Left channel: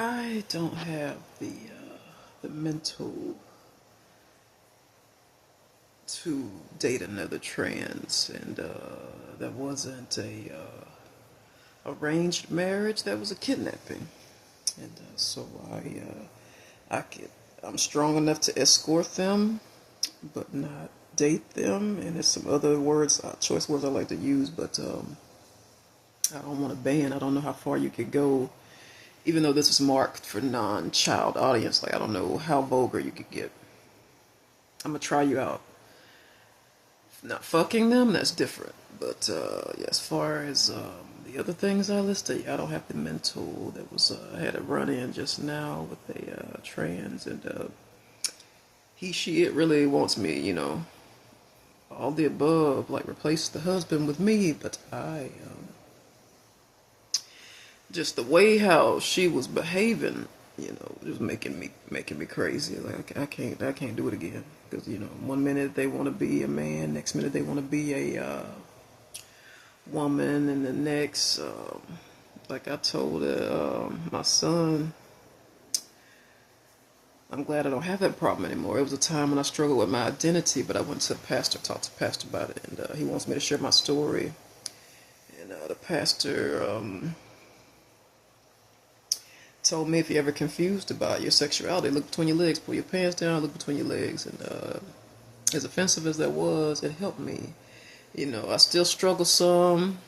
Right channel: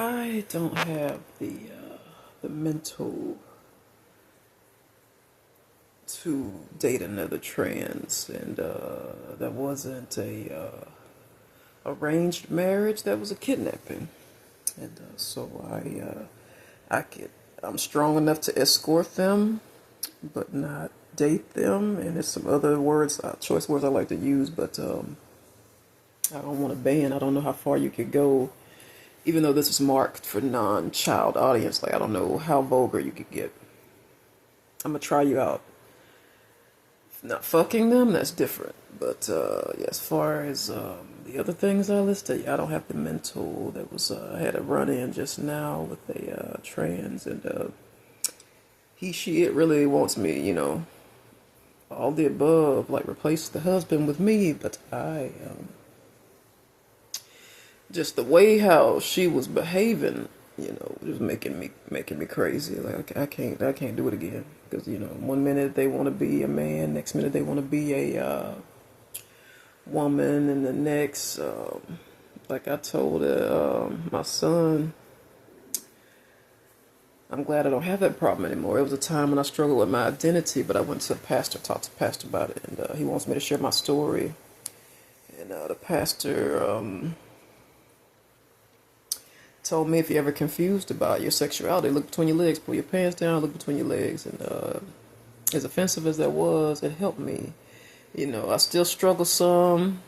I don't have the mental to date another trans, and that wasn't a arranged marriage. That was a kidnapping, and so I could I'm strong enough to escort them, but not date them. And there's some other words, choice words I like to use, but I don't want to ban. I don't know how far you could go, even though this is marked for non-child audience. Like I don't know how vulgar you could get. I'm gonna try you out. Not fucking them, that's different. But yeah, as far as the other things I listed, yeah, I don't have the mental. That was I had a run in just now with a trans, and it really wants me, all the above, like replace the husband with me. But I just the way how she was behaving, just making me crazy. Like I can't do it again because one minute they want to be a man, next minute they want to be a woman, and the next, like I told my son, I'm glad I don't have that problem anymore. It was a time when I struggled with my identity, but I went to a pastor, talked to the pastor about it, and he wants me to share my story. And the pastor told me, if you're ever confused about your sexuality, look between your legs, pull your pants down, look between your legs. And as offensive as that was, it helped me. I still struggle some,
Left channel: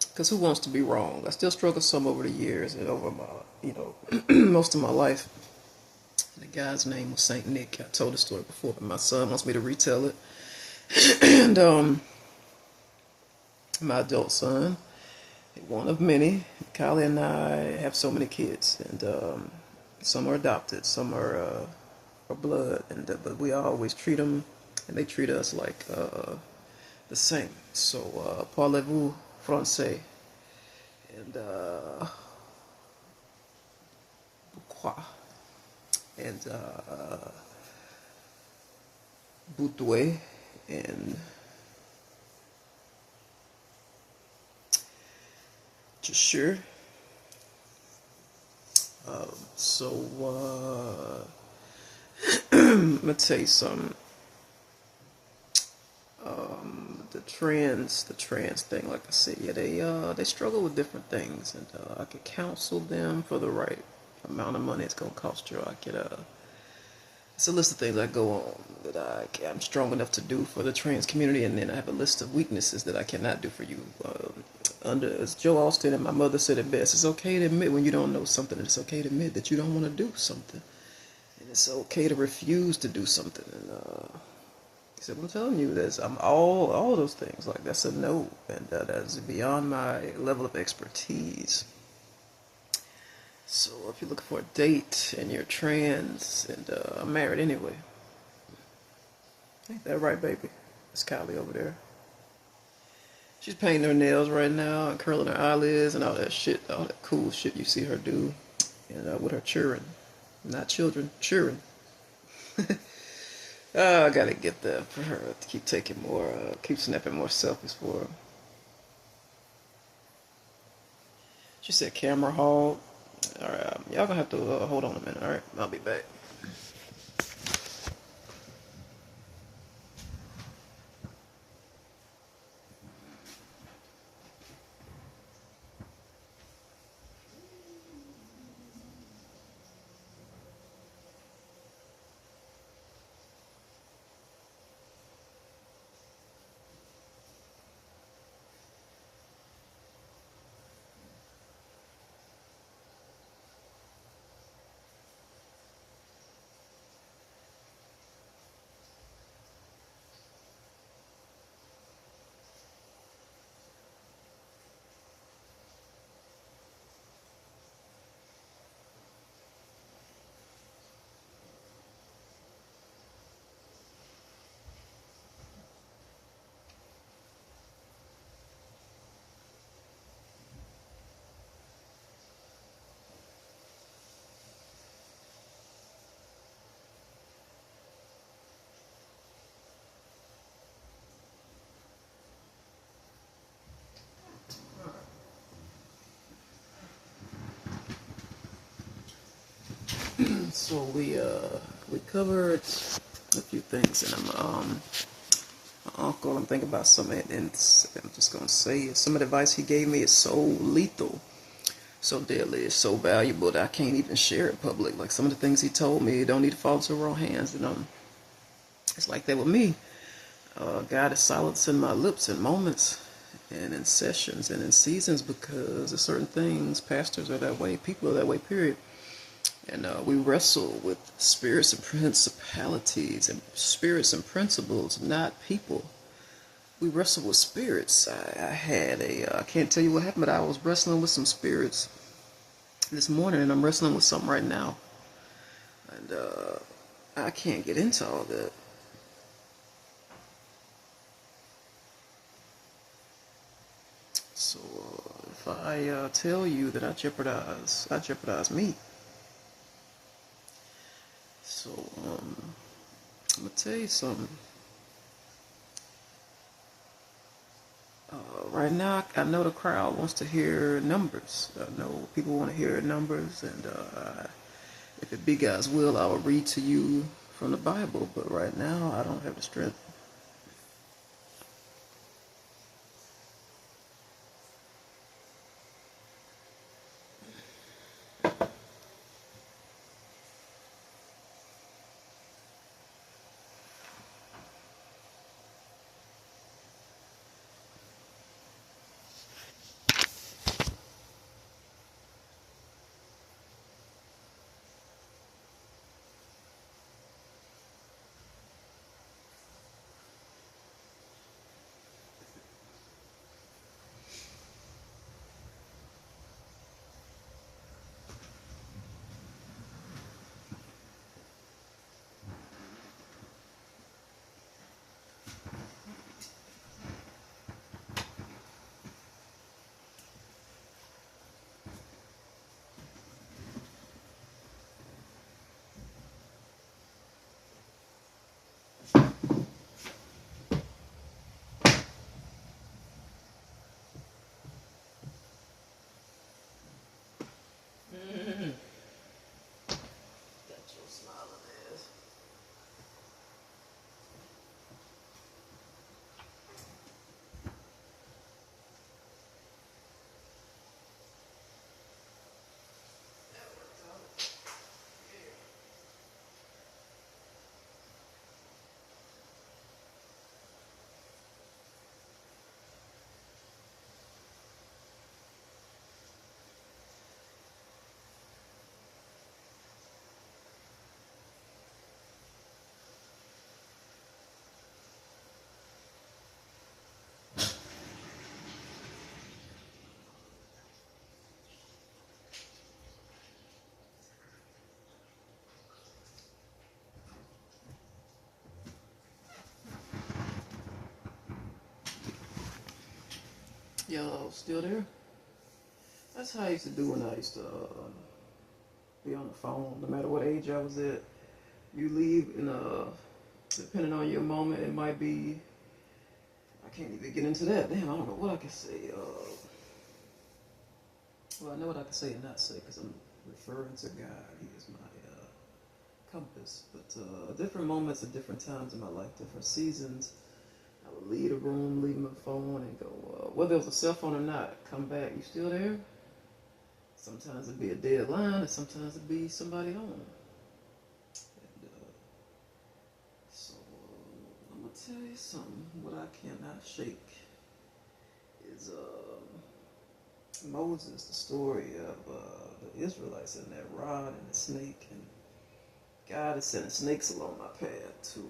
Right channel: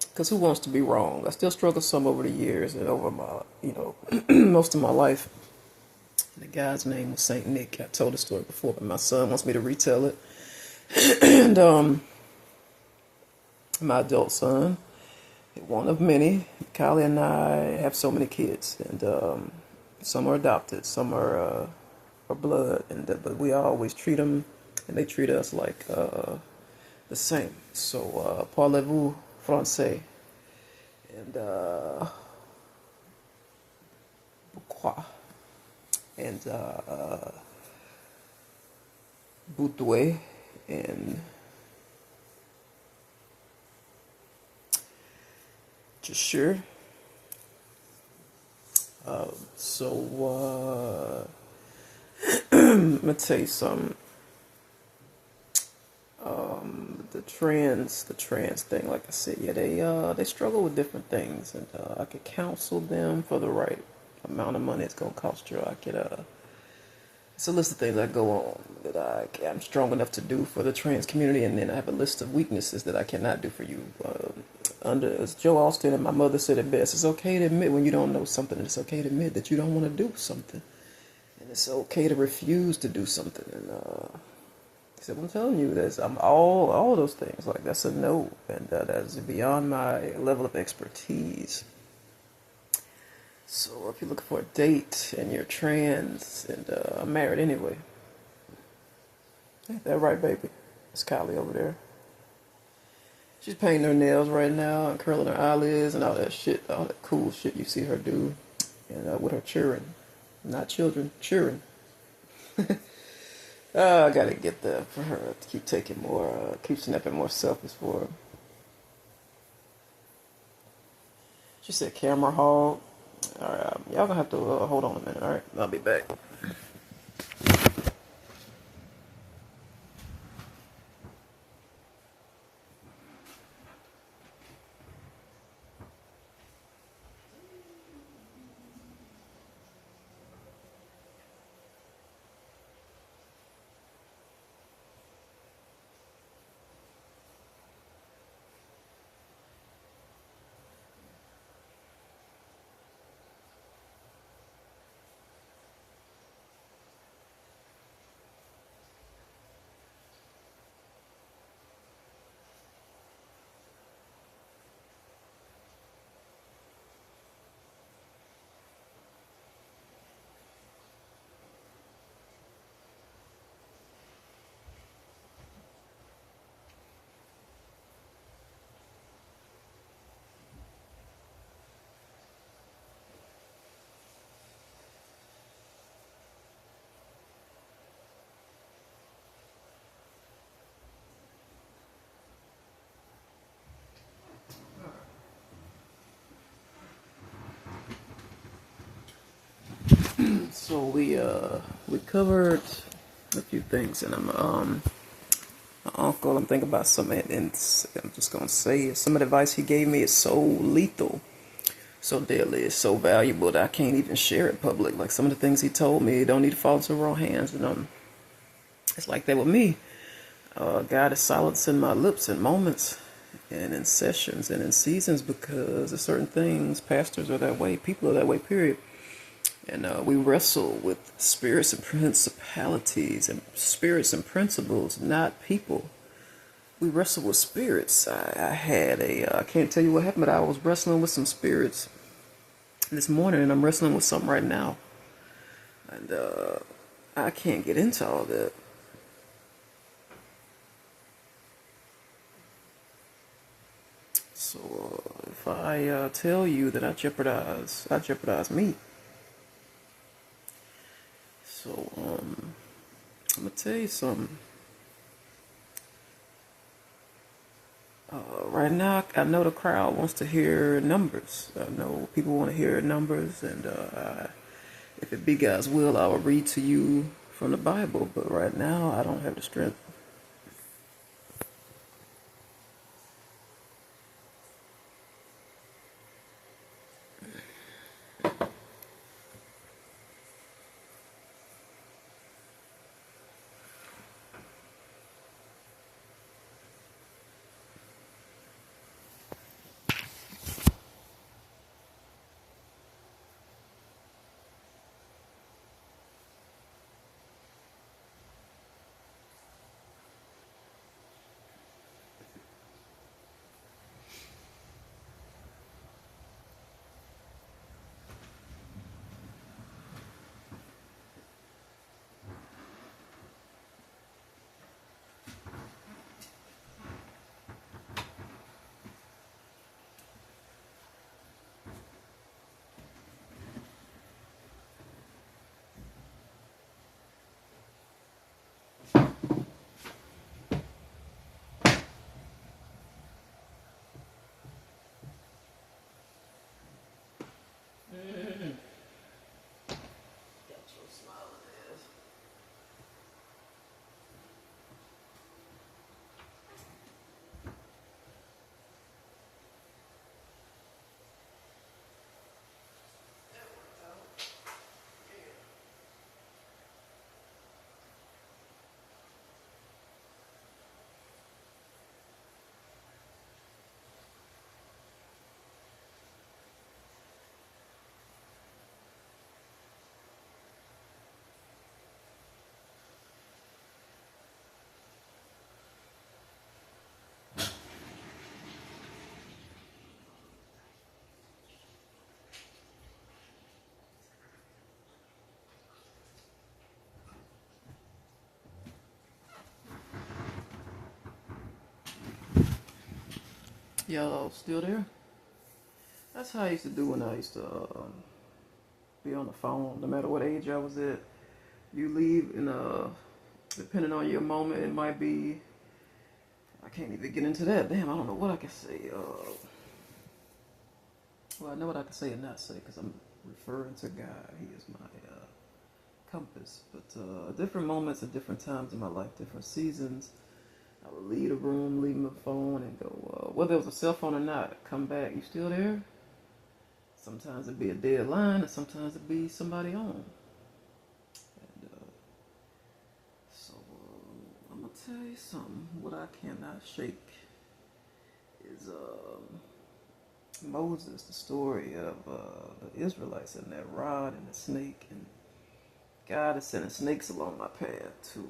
because who wants to be wrong? I still struggle some over the years and over my, most of my life. And the guy's name was Saint Nick. I told the story before, but my son wants me to retell it. And my adult son, one of many, Kylie and I have so many kids, and some are adopted, some are blood, and but we always treat them, and they treat us like the same. So, parlez-vous français? And pourquoi? And boudoir, and just sure. So I'm gonna tell you something. The trans thing, like I said, yeah, they struggle with different things, and I could counsel them for the right amount of money it's gonna cost you. I could it's a list of things that go on that I'm strong enough to do for the trans community, and then I have a list of weaknesses that I cannot do for you. As Joe Austin and my mother said it best, it's okay to admit when you don't know something. It's okay to admit that you don't want to do something, and it's okay to refuse to do something. And he said, I'm telling you, I'm all of those things. Like that's a no, and that's beyond my level of expertise. So if you're looking for a date and you're trans, and I'm married anyway. Ain't that right, baby? That's Kylie over there. She's painting her nails right now and curling her eyelids and all that shit, all that cool shit you see her do, and with her children, not children, children. I gotta get that for her to keep taking more, keep snapping more selfies for her. She said camera hog. All right, y'all gonna have to hold on a minute. All right, I'll be back. So we covered a few things, and my uncle. I'm thinking about some, and I'm just gonna say some of the advice he gave me is so lethal, so deadly, it's so valuable that I can't even share it public. Like some of the things he told me don't need to fall into the wrong hands, and it's like that with me. God is silencing my lips in moments and in sessions and in seasons because of certain things. Pastors are that way. People are that way, period. And we wrestle with spirits and principalities and spirits and principles, not people. We wrestle with spirits. I can't tell you what happened, but I was wrestling with some spirits this morning, and I'm wrestling with some right now. And I can't get into all that. So if I tell you that I jeopardize me. So I'm gonna tell you something. Right now, I know the crowd wants to hear numbers. I know people want to hear numbers, and if it be God's will, I will read to you from the Bible. But right now, I don't have the strength. Y'all still there? That's how I used to do when I used to be on the phone. No matter what age I was at, you leave, and depending on your moment, it might be. I can't even get into that. Damn, I don't know what I can say. Well, I know what I can say and not say because I'm referring to God. He is my compass. But different moments at different times in my life, different seasons. I would leave a room, leave my phone, and go, whether it was a cell phone or not, come back. You still there? Sometimes it'd be a dead line, and sometimes it'd be somebody home. And so I'm gonna tell you something. What I cannot shake is Moses, the story of the Israelites and that rod and the snake, and God is sending snakes along my path to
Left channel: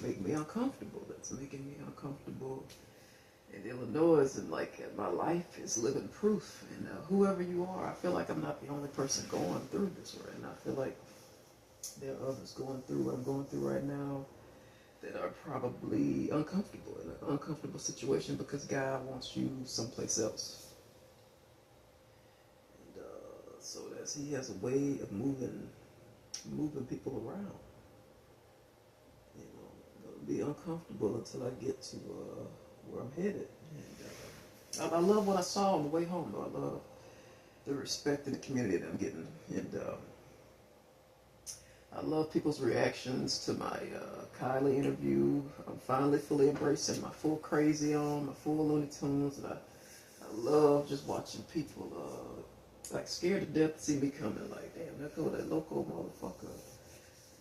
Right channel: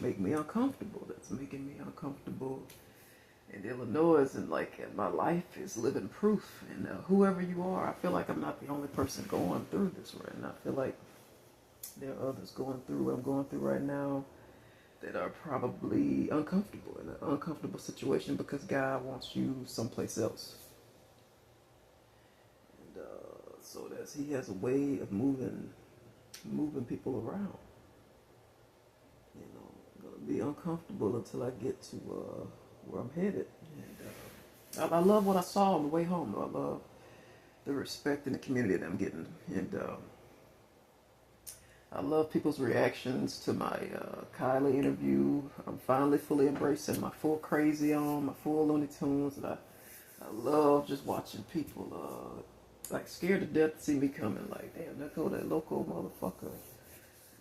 make me uncomfortable. That's making me uncomfortable in Illinois, and like my life is living proof. And whoever you are, I feel like I'm not the only person going through this right now. I feel like there are others going through what I'm going through right now that are probably uncomfortable in an uncomfortable situation because God wants you someplace else. And so that He has a way of moving people around. You know, I'm gonna be uncomfortable until I get to where I'm headed. And I love what I saw on the way home, though. I love the respect in the community that I'm getting. And I love people's reactions to my Kylie interview. I'm finally fully embracing my full crazy on, my full Looney Tunes. And I love just watching people like scared to death to see me coming. Like, damn, there go that local motherfucker.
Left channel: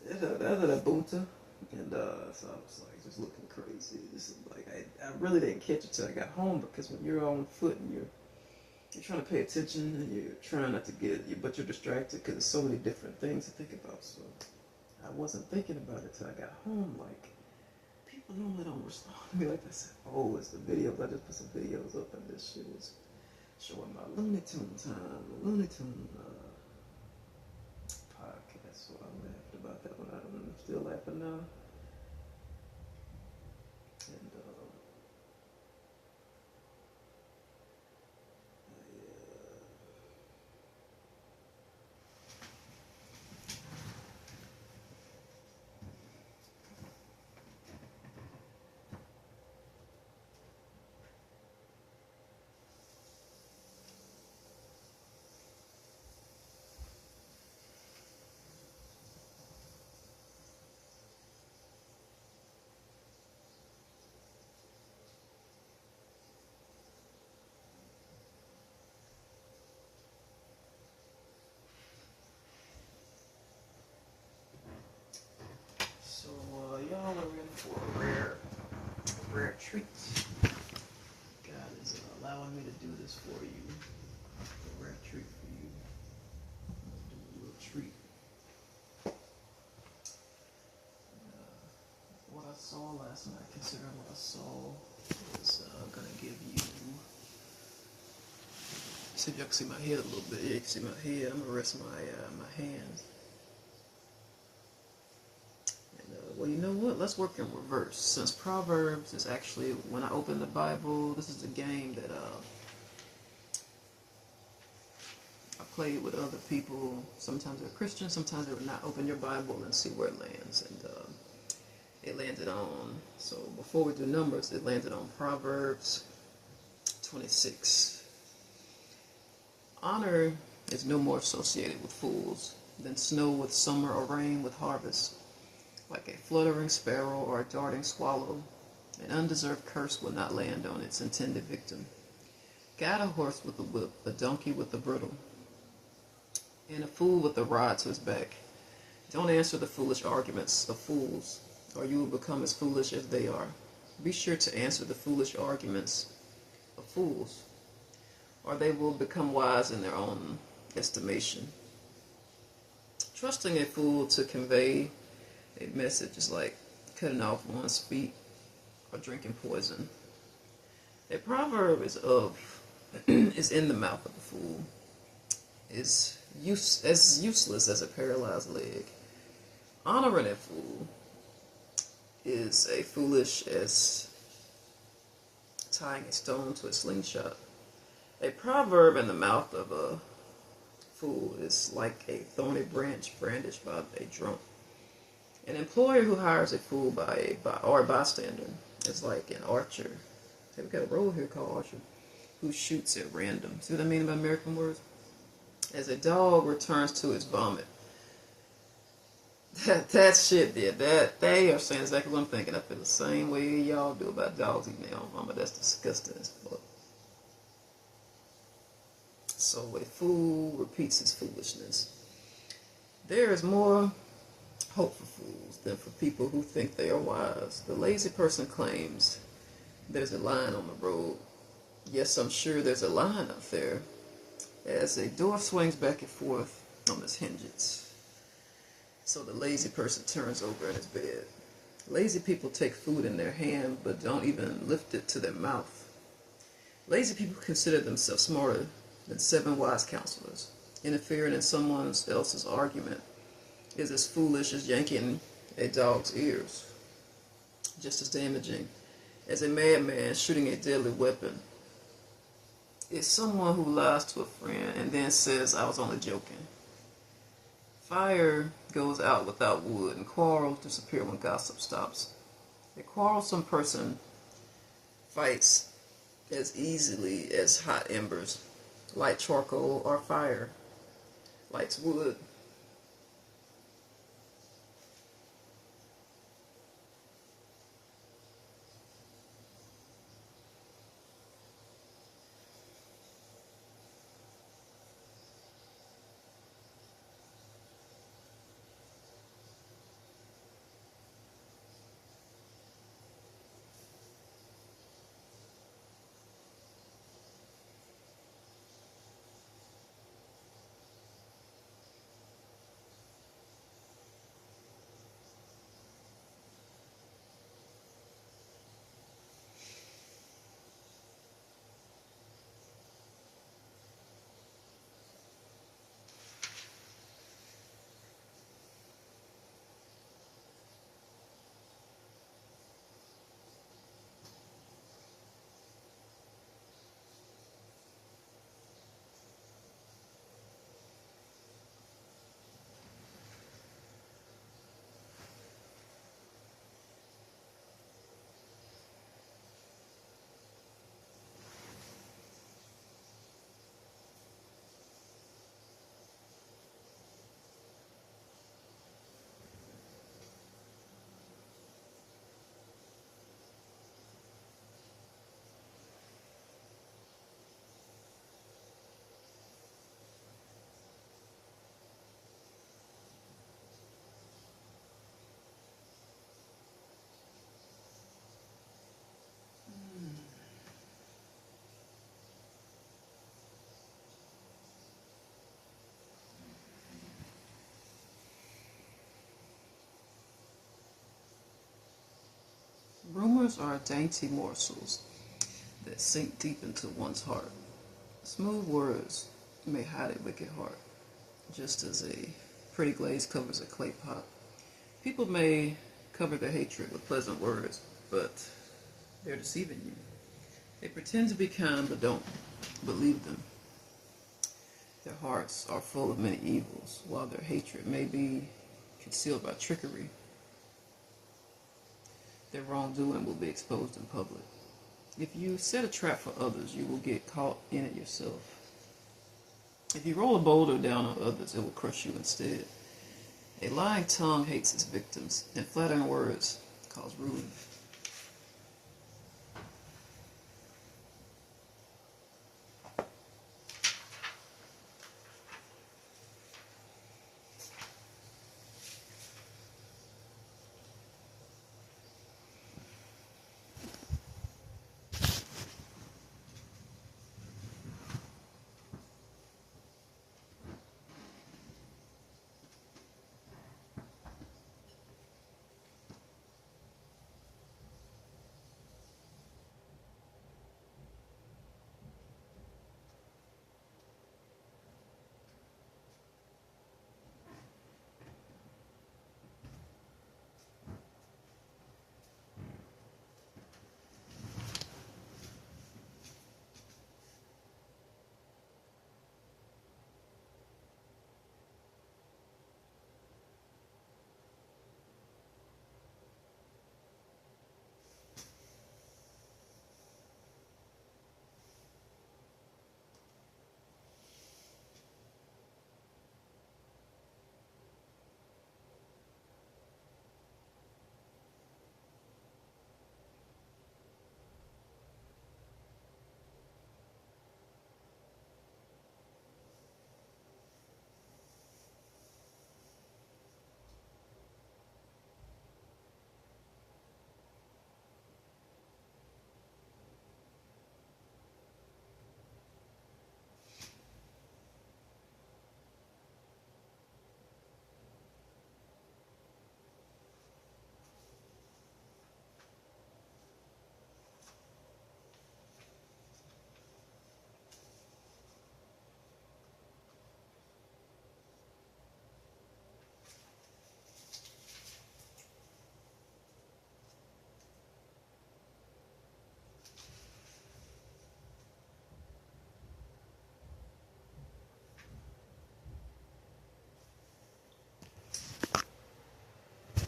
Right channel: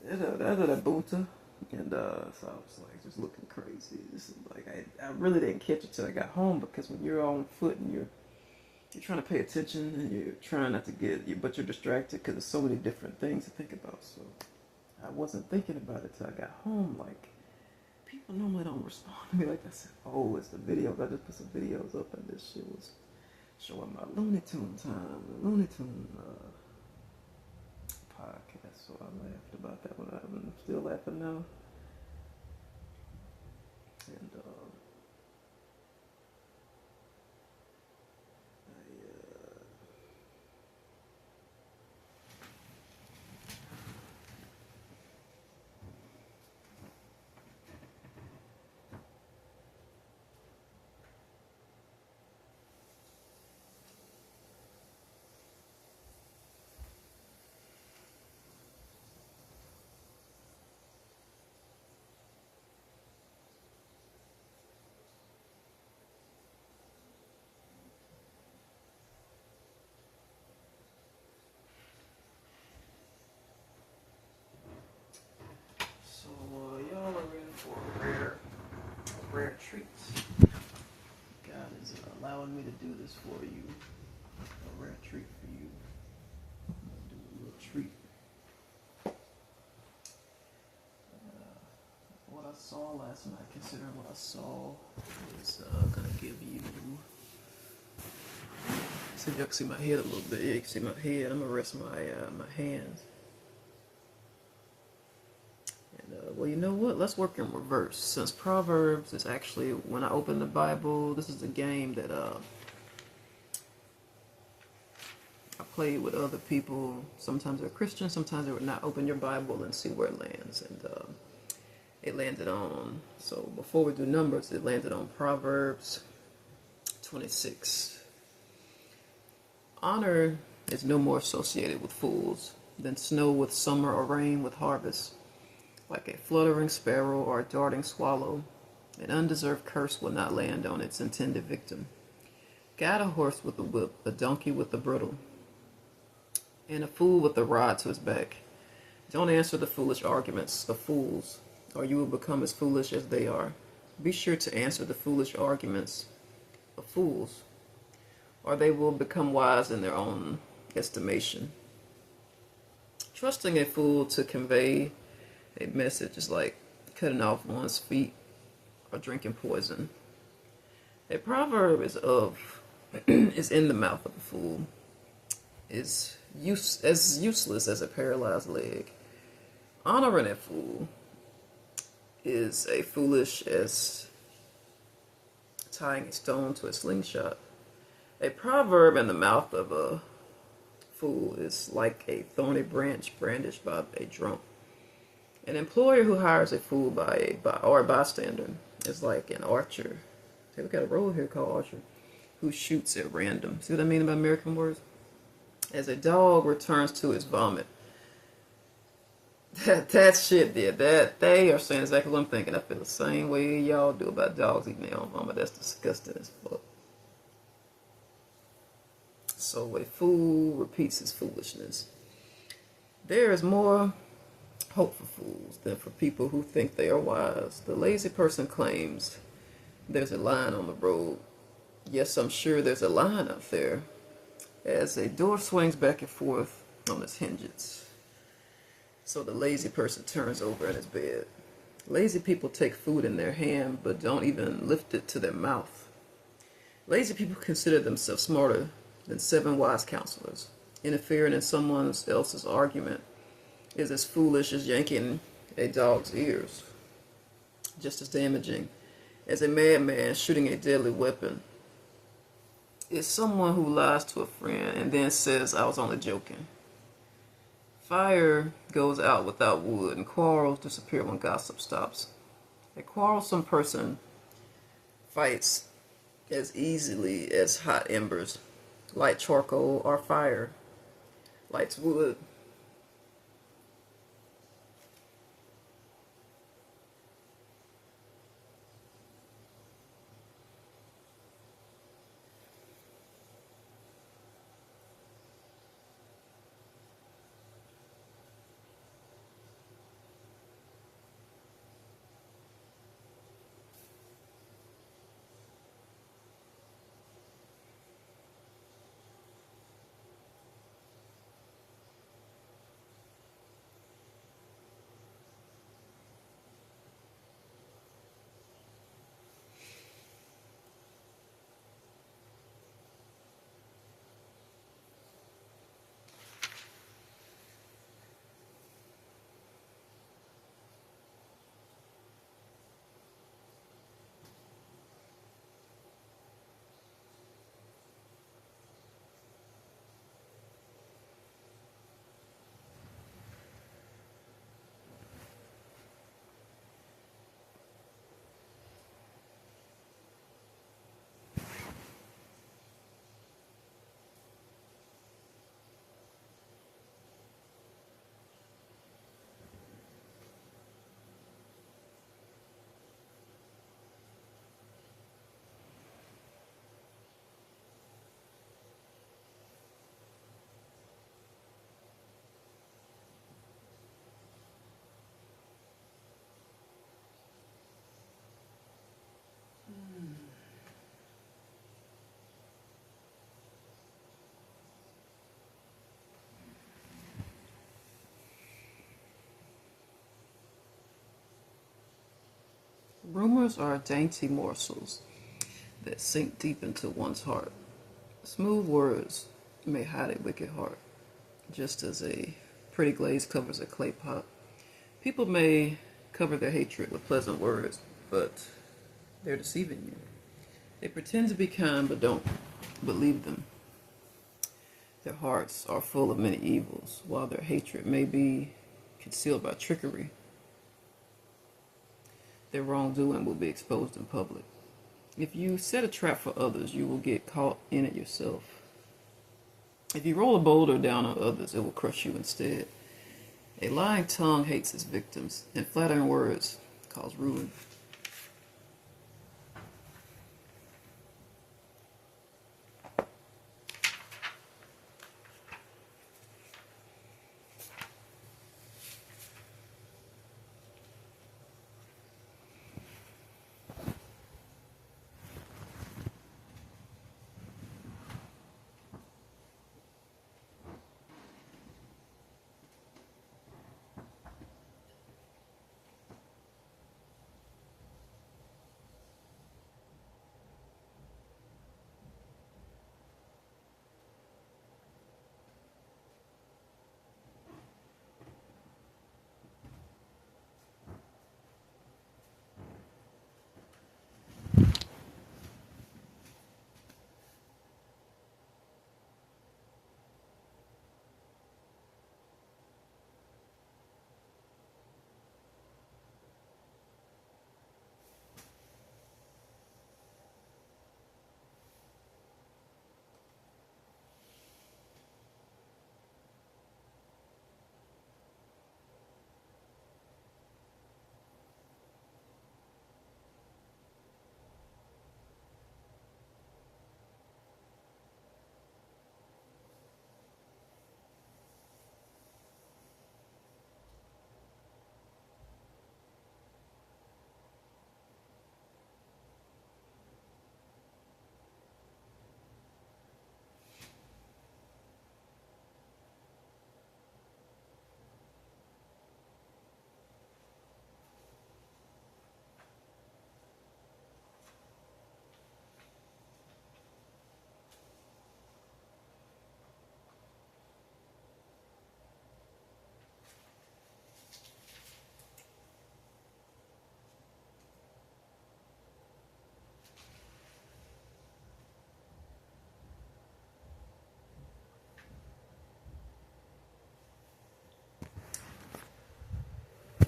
That's a bunta. And so I was like just looking crazy. This is like I really didn't catch it till I got home, because when you're on foot and you're trying to pay attention and you're trying not to but you're distracted because there's so many different things to think about. So I wasn't thinking about it till I got home. Like, people normally don't respond to me like this. Oh, it's the videos. I just put some videos up, and this shit was showing my Looney Tune time, Looney Tune podcast. So I laughed about that one. I'm still laughing now. And y'all are in for a rare treat. God is allowing me to do this for you. A rare treat for you. Do a little treat. What I saw last night, considering what I saw, is gonna give you. So y'all can see my head a little bit. Yeah, you can see my head. I'm gonna rest my hands. Well, you know what? Let's work in reverse. Since Proverbs is actually, when I open the Bible, this is a game that I played with other people. Sometimes they're Christian, sometimes they would not. Open your Bible and see where it lands. And it landed on, so before we do numbers, it landed on Proverbs 26. Honor is no more associated with fools than snow with summer or rain with harvest. Like a fluttering sparrow or a darting swallow, an undeserved curse will not land on its intended victim. Guide a horse with a whip, a donkey with a bridle, and a fool with a rod to his back. Don't answer the foolish arguments of fools, or you will become as foolish as they are. Be sure to answer the foolish arguments of fools, or they will become wise in their own estimation. Trusting a fool to convey a message is like cutting off one's feet or drinking poison. A proverb is in the mouth of a fool, is as useless as a paralyzed leg. Honoring a fool is as foolish as tying a stone to a slingshot. A proverb in the mouth of a fool is like a thorny branch brandished by a drunk. An employer who hires a fool or a bystander is like an archer. See, we got a role here called archer, who shoots at random. See what I mean by American words? As a dog returns to its vomit. That shit there. That they are saying exactly what I'm thinking. I feel the same way y'all do about dogs eating their own vomit. That's disgusting as fuck. So a fool repeats his foolishness. There is more hope for fools than for people who think they are wise. The lazy person claims there's a line on the road. Yes, I'm sure there's a line up there. As a door swings back and forth on its hinges. So the lazy person turns over in his bed. Lazy people take food in their hand but don't even lift it to their mouth. Lazy people consider themselves smarter than 7 wise counselors. Interfering in someone else's argument is as foolish as yanking a dog's ears. Just as damaging as a madman shooting a deadly weapon is someone who lies to a friend and then says, I was only joking. Fire goes out without wood, and quarrels disappear when gossip stops. A quarrelsome person fights as easily as hot embers, light charcoal or fire, lights wood. Words are dainty morsels that sink deep into one's heart. Smooth words may hide a wicked heart, just as a pretty glaze covers a clay pot. People may cover their hatred with pleasant words, but they're deceiving you. They pretend to be kind, but don't believe them. Their hearts are full of many evils, while their hatred may be concealed by trickery. Their wrongdoing will be exposed in public. If you set a trap for others, you will get caught in it yourself. If you roll a boulder down on others, it will crush you instead. A lying tongue hates its victims, and flattering words cause ruin.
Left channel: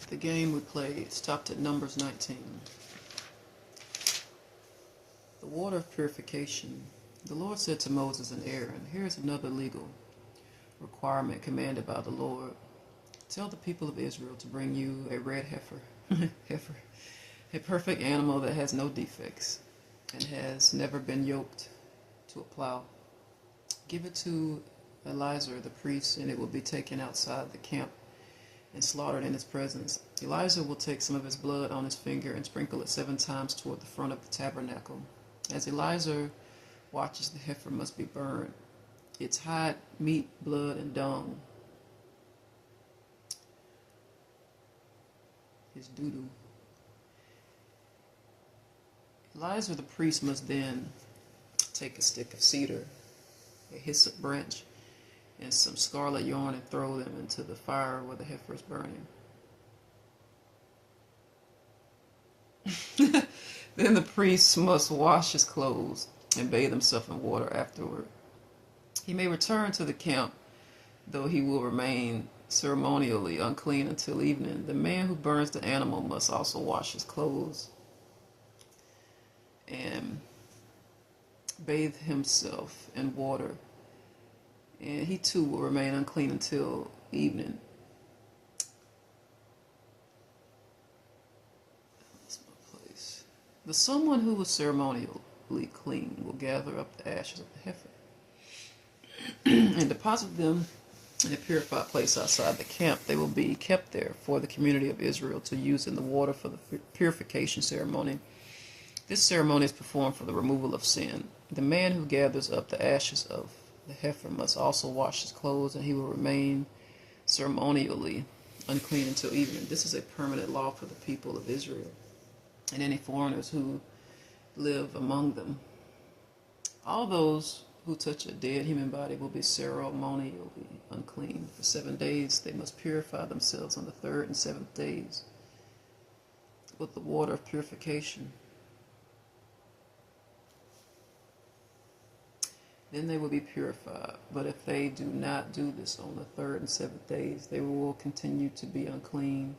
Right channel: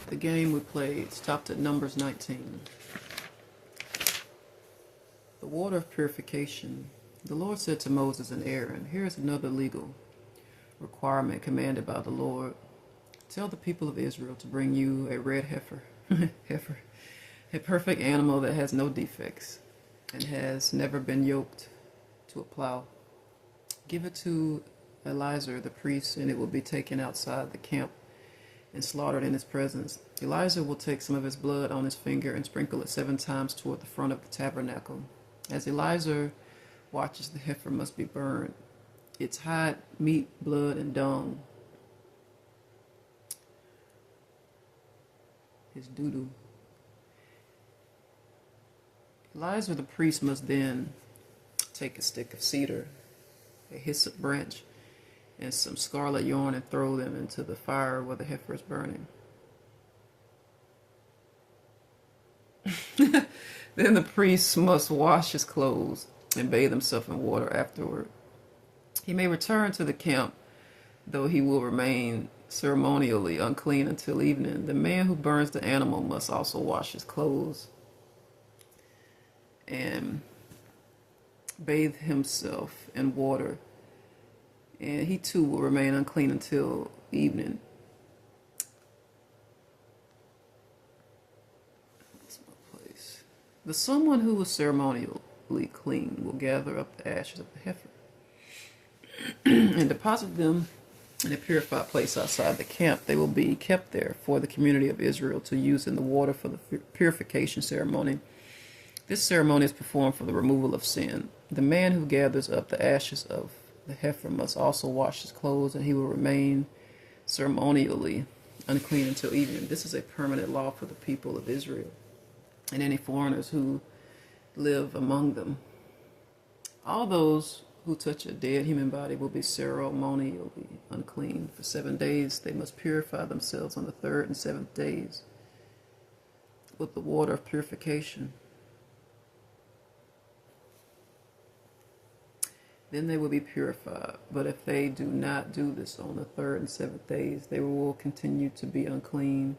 The game we played stopped at Numbers 19. The water of purification. The Lord said to Moses and Aaron, here is another legal requirement commanded by the Lord. Tell the people of Israel to bring you a red heifer, a perfect animal that has no defects and has never been yoked to a plow. Give it to Eleazar the priest, and it will be taken outside the camp and slaughtered in his presence. Eleazar will take some of his blood on his finger and sprinkle it 7 times toward the front of the tabernacle. As Eleazar watches, the heifer must be burned. Its hide, meat, blood, and dung, his doo-doo. Eleazar the priest must then take a stick of cedar, a hyssop branch, and some scarlet yarn and throw them into the fire where the heifer is burning. Then the priest must wash his clothes and bathe himself in water afterward. He may return to the camp, though he will remain ceremonially unclean until evening. The man who burns the animal must also wash his clothes and bathe himself in water, and he too will remain unclean until evening. The someone who was ceremonially clean will gather up the ashes of the heifer and deposit them in a purified place outside the camp. They will be kept there for the community of Israel to use in the water for the purification ceremony. This ceremony is performed for the removal of sin. The man who gathers up the ashes of the heifer must also wash his clothes, and he will remain ceremonially unclean until evening. This is a permanent law for the people of Israel. and any foreigners who live among them. All those who touch a dead human body will be ceremonially unclean. For 7 days they must purify themselves on the third and seventh days with the water of purification. Then they will be purified. But if they do not do this on the third and seventh days, they will continue to be unclean.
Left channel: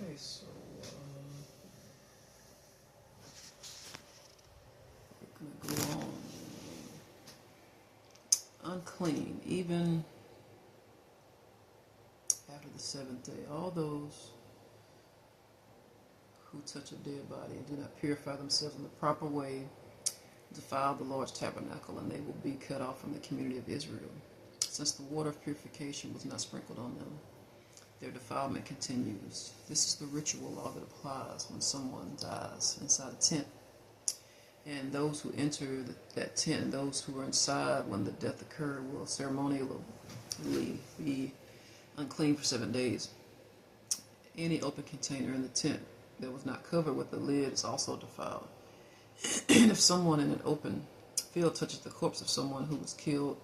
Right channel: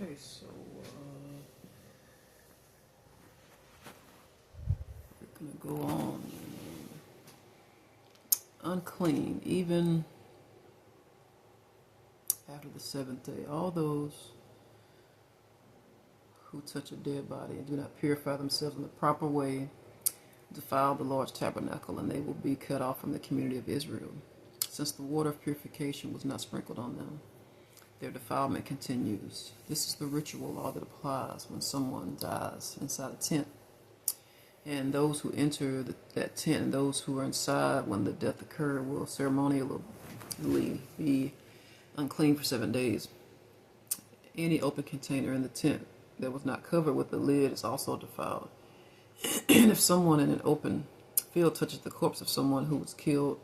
Okay, so we're going to go on. Unclean, even after the seventh day. All those who touch a dead body and do not purify themselves in the proper way defile the Lord's tabernacle, and they will be cut off from the community of Israel. Since the water of purification was not sprinkled on them, their defilement continues. This is the ritual law that applies when someone dies inside a tent. And those who enter that tent and those who are inside when the death occurred will ceremonially be unclean for 7 days. Any open container in the tent that was not covered with the lid is also defiled. And if someone in an open field touches the corpse of someone who was killed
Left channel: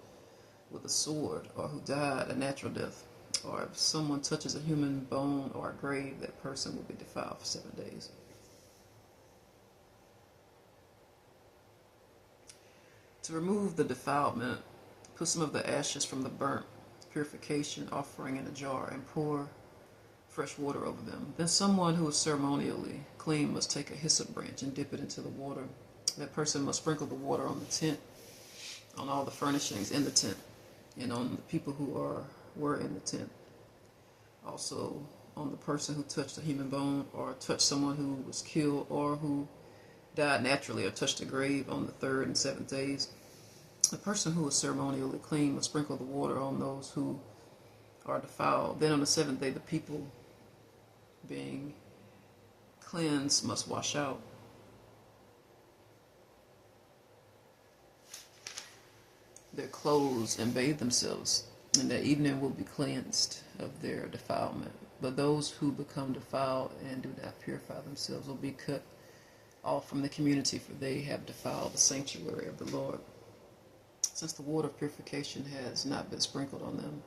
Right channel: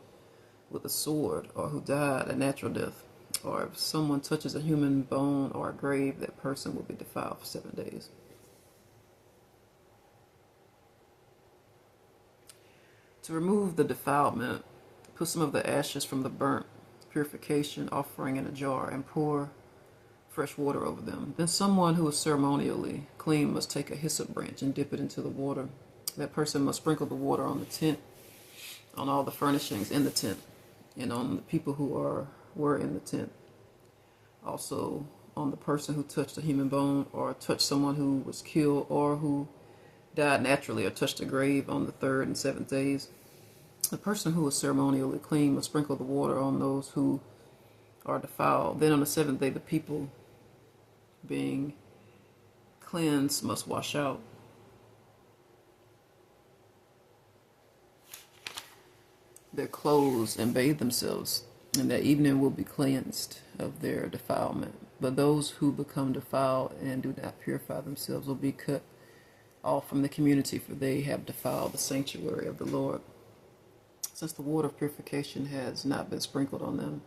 with a sword or who died a natural death, or if someone touches a human bone or a grave, that person will be defiled for 7 days. To remove the defilement, put some of the ashes from the burnt purification offering in a jar and pour fresh water over them. Then someone who is ceremonially clean must take a hyssop branch and dip it into the water. That person must sprinkle the water on the tent, on all the furnishings in the tent, and on the people who were in the tent. Also on the person who touched a human bone or touched someone who was killed or who died naturally or touched a grave on the third and seventh days. The person who is ceremonially clean must sprinkle the water on those who are defiled. Then on the seventh day, the people being cleansed must wash out their clothes and bathe themselves, and that evening will be cleansed of their defilement. But those who become defiled and do not purify themselves will be cut off from the community, for they have defiled the sanctuary of the Lord. Since the water of purification has not been sprinkled on them,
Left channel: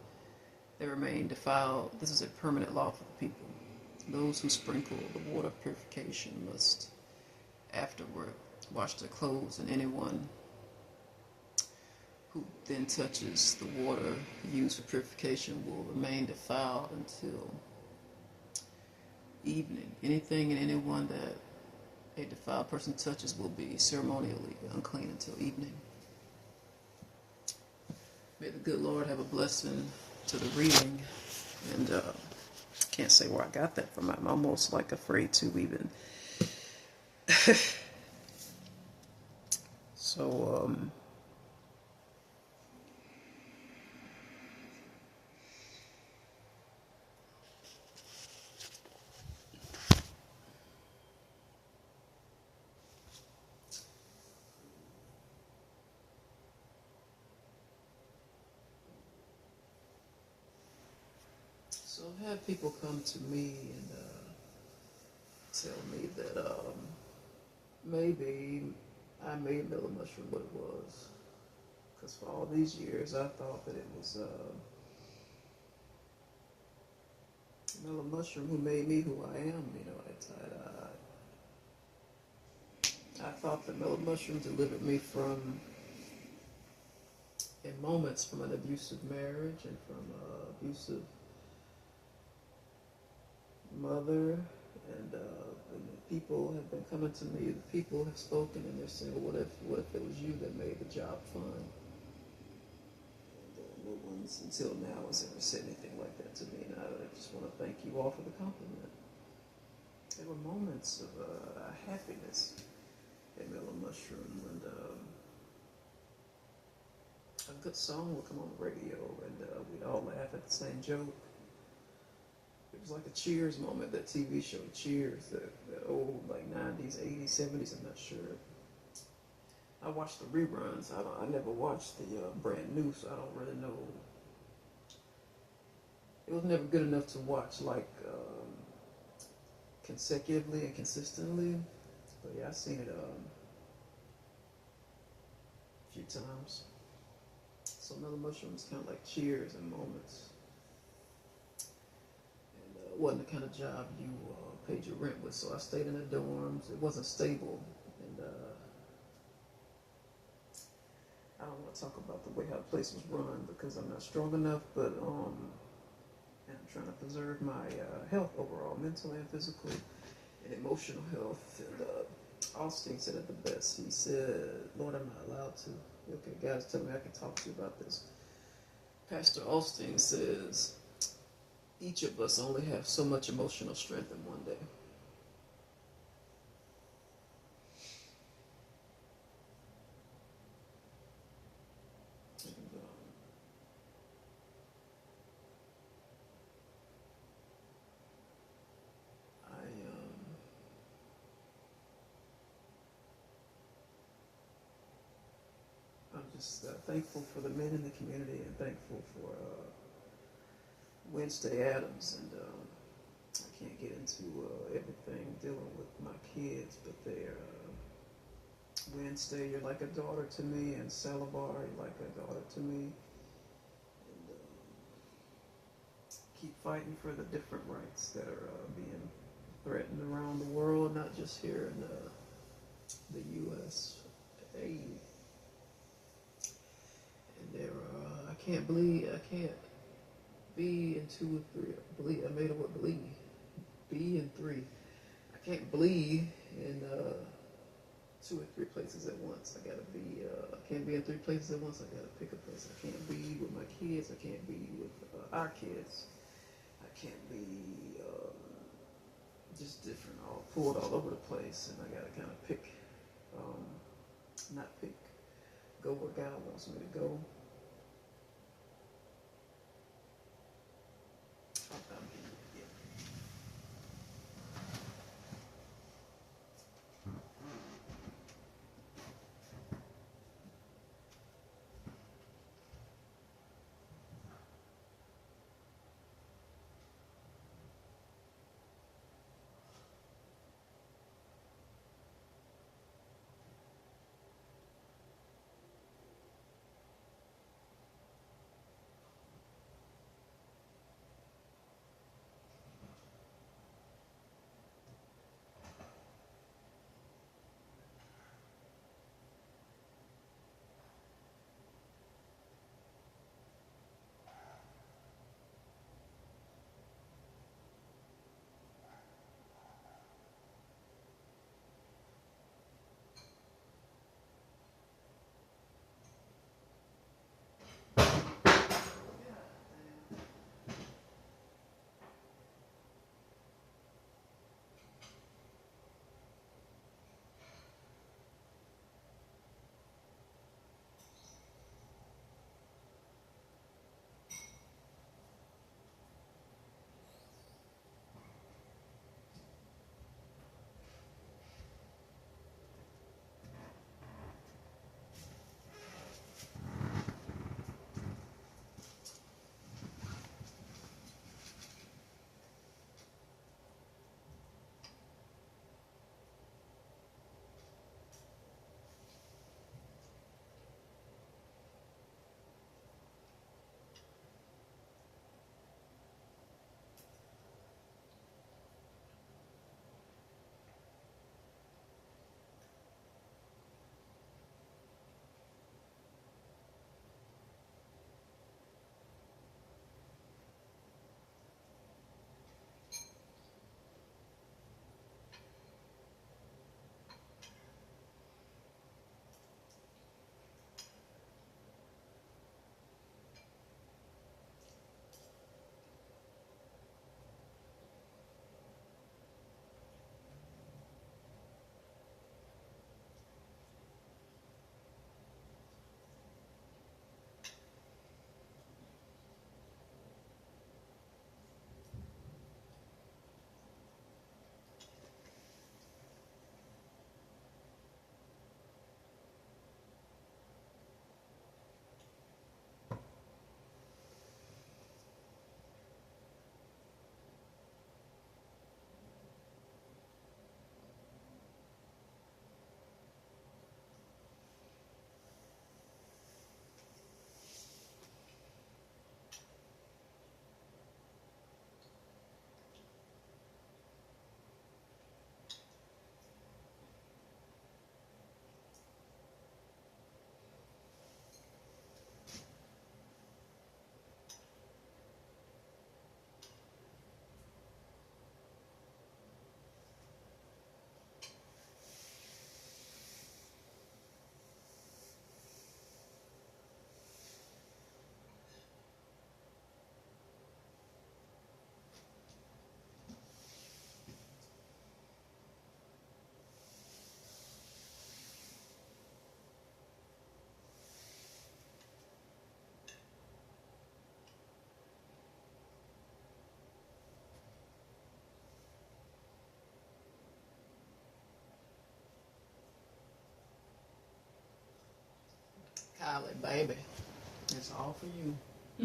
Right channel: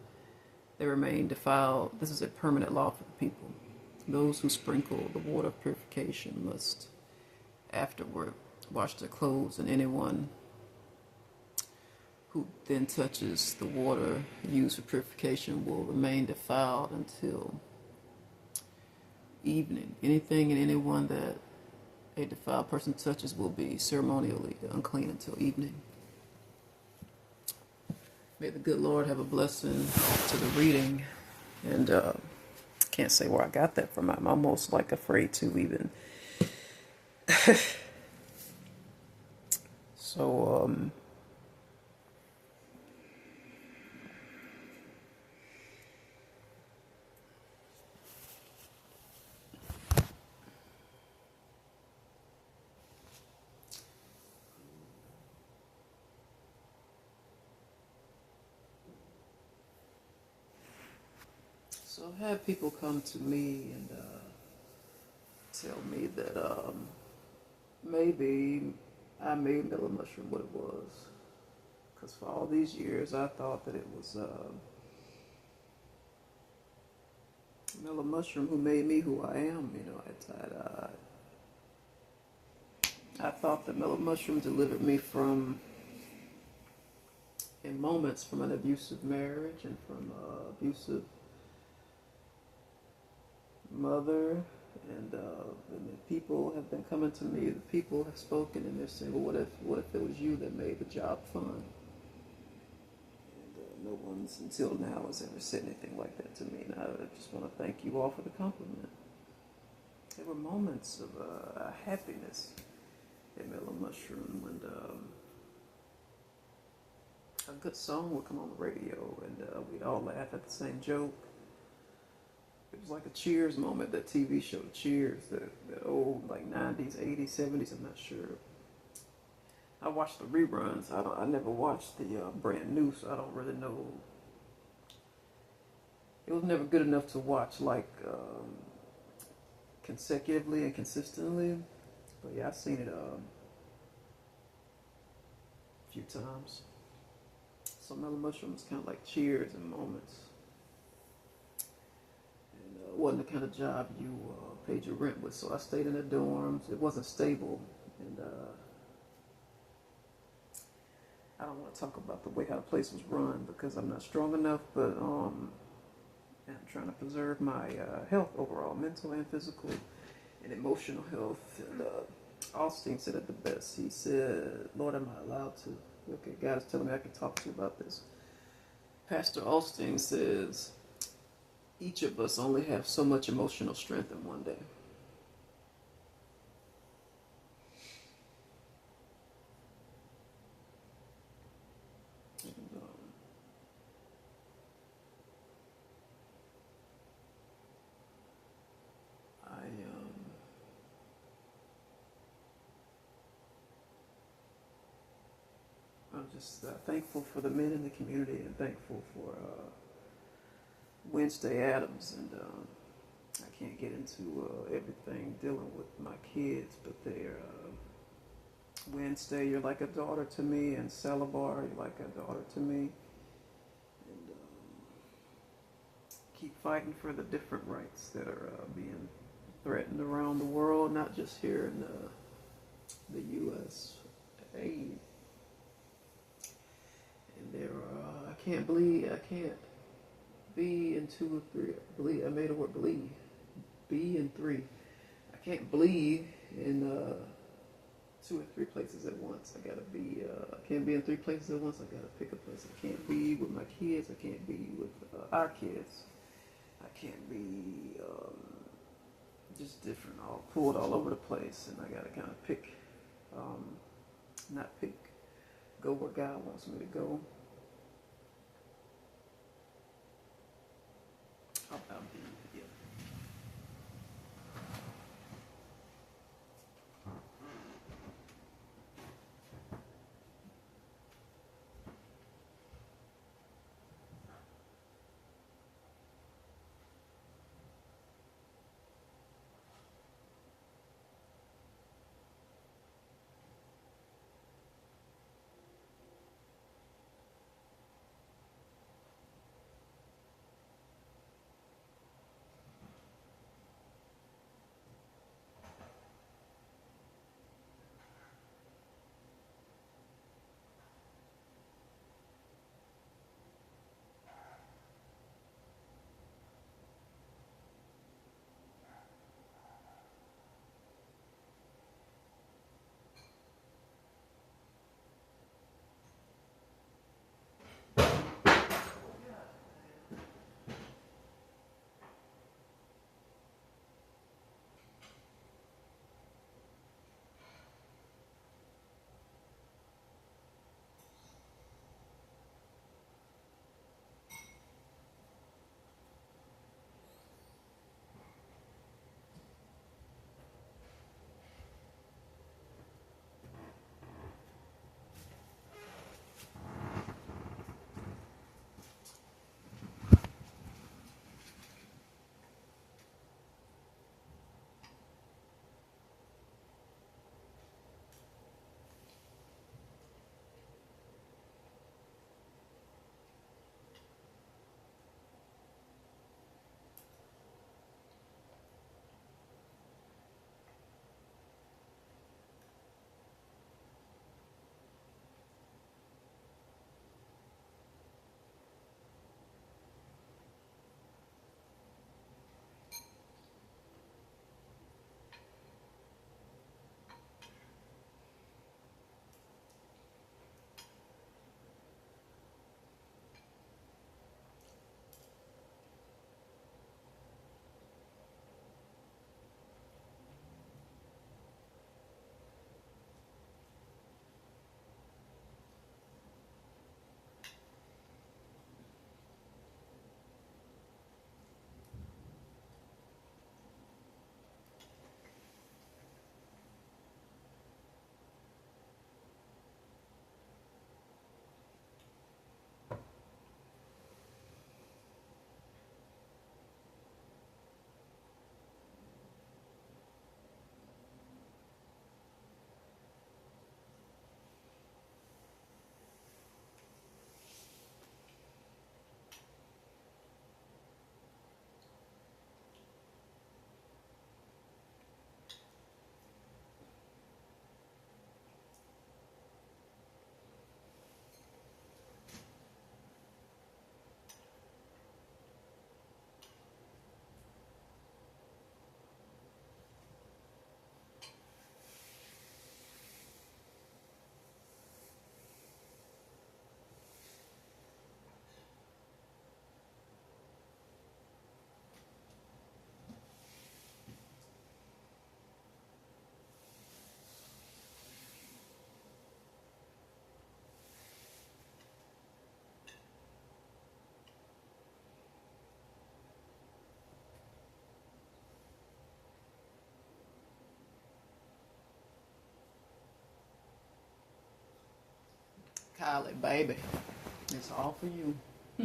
they remain defiled. This is a permanent law for the people. Those who sprinkle the water of purification must afterward wash their clothes, and anyone who then touches the water used for purification will remain defiled until evening. Anything and anyone that a defiled person touches will be ceremonially unclean until evening. May the good Lord have a blessing to the reading. And can't say where I got that from. I'm almost like afraid to even. So, I've had people come to me and tell me that maybe I made Mellow Mushroom what it was. Because for all these years, I thought that it was Mellow Mushroom who made me who I am. You know, I thought that Mellow Mushroom delivered me from, in moments, from an abusive marriage and from abusive mother, and the people have been coming to me. The people have spoken, and they're saying, "Well, what if it was you that made the job fun?" And no one's until now has ever said anything like that to me. And I just want to thank you all for the compliment. There were moments of happiness in Mellow Mushroom, and a good song would come on the radio, and we'd all laugh at the same joke. It was like a Cheers moment, that TV show Cheers, that old like 90s, 80s, 70s, I'm not sure. I watched the reruns. I never watched the brand new, so I don't really know. It was never good enough to watch like consecutively and consistently. But yeah, I've seen it a few times. So Mellow Mushroom was kind of like Cheers in moments. It wasn't the kind of job you paid your rent with, so I stayed in the dorms. It wasn't stable, and I don't want to talk about the way how the place was run because I'm not strong enough, but I'm trying to preserve my health overall, mental and physical, and emotional health. And Austin said it the best. He said, "Lord, am I allowed to?" Okay, God is telling me I can talk to you about this. Pastor Austin says, each of us only have so much emotional strength in one day. And, I'm just thankful for the men in the community and thankful for Wednesday Adams, and I can't get into everything dealing with my kids, but they're Wednesday, you're like a daughter to me, and Salabar, you're like a daughter to me, and keep fighting for the different rights that are being threatened around the world, not just here in the USA. And there are, I can't be in 2 or 3. Believe, I made the word believe. Be in 3. I can't bleed in 2 or 3 places at once. I gotta be. I can't be in 3 places at once. I gotta pick a place. I can't be with my kids. I can't be with our kids. I can't be just different. All pulled all over the place, and I gotta kind of pick. Not pick. Go where God wants me to go. Kylie, baby, it's all for you. The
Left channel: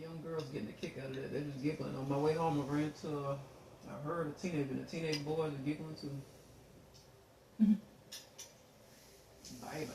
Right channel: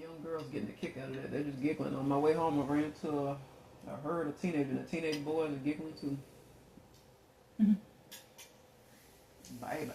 young girls getting a kick out of that. They're just giggling. On my way home, I ran into I heard a teenager, and the teenage boys are giggling too. Baby.